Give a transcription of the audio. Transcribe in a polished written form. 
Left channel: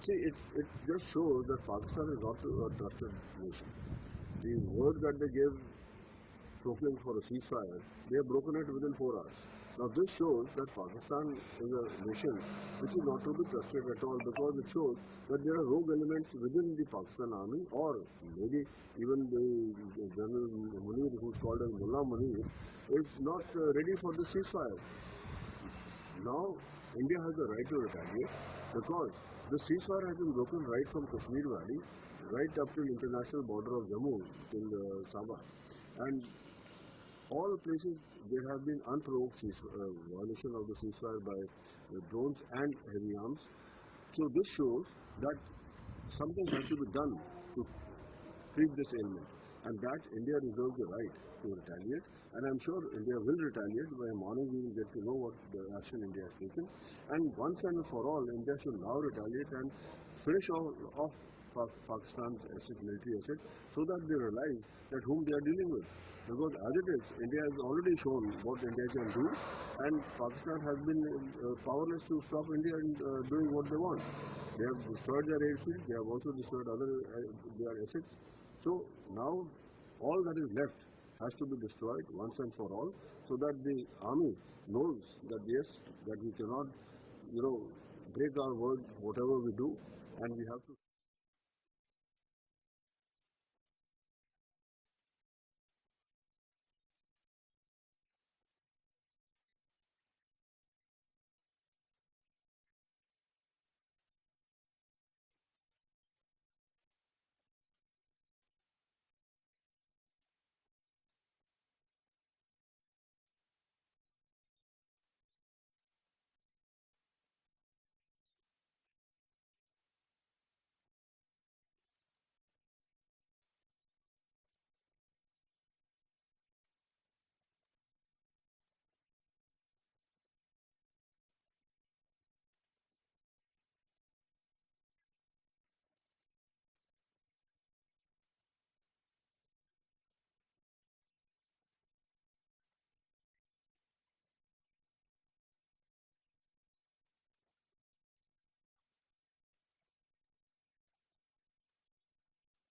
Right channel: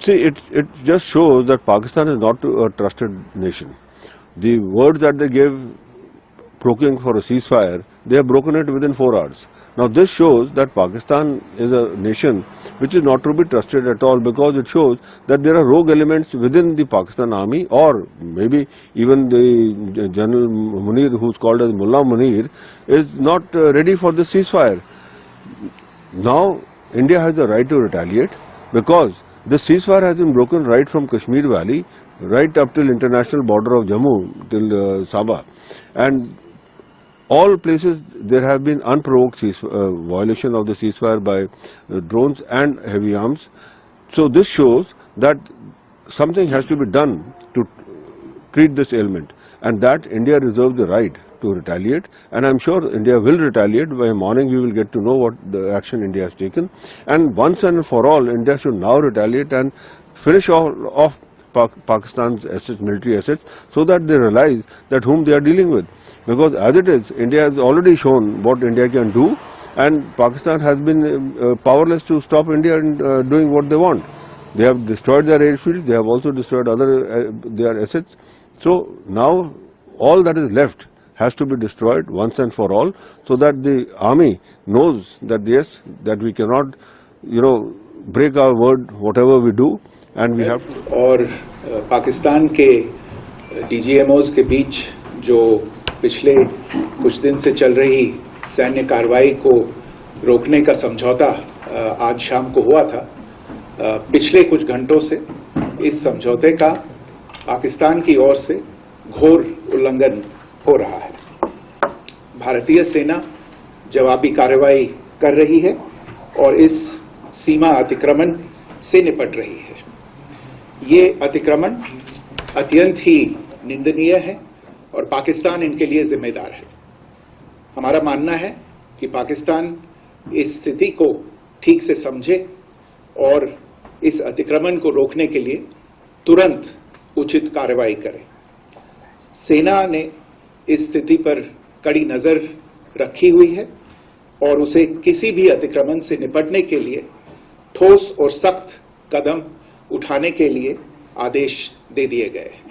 See, it just shows that Pakistan is not a trusted nation. The words that they gave provoking for a ceasefire, they have broken it within 4 hours. Now this shows that Pakistan is a nation which is not to be trusted at all, because it shows that there are rogue elements within the Pakistan army, or maybe even the General Munir, who is called as Mullah Munir, is not ready for the ceasefire. Now India has the right to retaliate, because the ceasefire has been broken right from Kashmir Valley right up till international border of Jammu, till Sabah, and all places there have been unprovoked violation of the ceasefire by drones and heavy arms. So this shows that something has to be done to treat this ailment, and that India reserves the right to retaliate, and I am sure India will retaliate. By morning we will get to know what the action India has taken, and once and for all India should now retaliate and finish off Pakistan's assets, military assets, so that they realize that whom they are dealing with. Because as it is, India has already shown what India can do, and Pakistan has been powerless to stop India in doing what they want. They have destroyed their airfields, they have also destroyed other their assets. So now all that is left has to be destroyed once and for all, so that the army knows that yes, that we cannot, break our word whatever we do, and we have to. और पाकिस्तान के DGMOs के बीच जो पिछले कुछ दिन से चल रही सैन्य कार्रवाई को रोकने का समझौता आज शाम को हुआ था, पिछले कुछ घंटों से इस समझौते का पाकिस्तान की ओर से घोर उल्लंघन हो रहा है। भारतीय सेना जवाबी कार्रवाई कर रही है और इस सीमा अतिक्रमण से निपट रही है। ये अतिक्रमण अत्यंत ही निंदनीय है और पाकिस्तान इनके लिए जिम्मेदार है। हमारा मानना है कि पाकिस्तान इस स्थिति को ठीक से समझे और इस अतिक्रमण को रोकने के लिए तुरंत उचित कार्रवाई करे। सेना ने इस स्थिति पर कड़ी नजर रखी हुई है और उसे किसी भी अतिक्रमण से निपटने के लिए ठोस और सख्त कदम उठाने के लिए आदेश दे दिए गए हैं।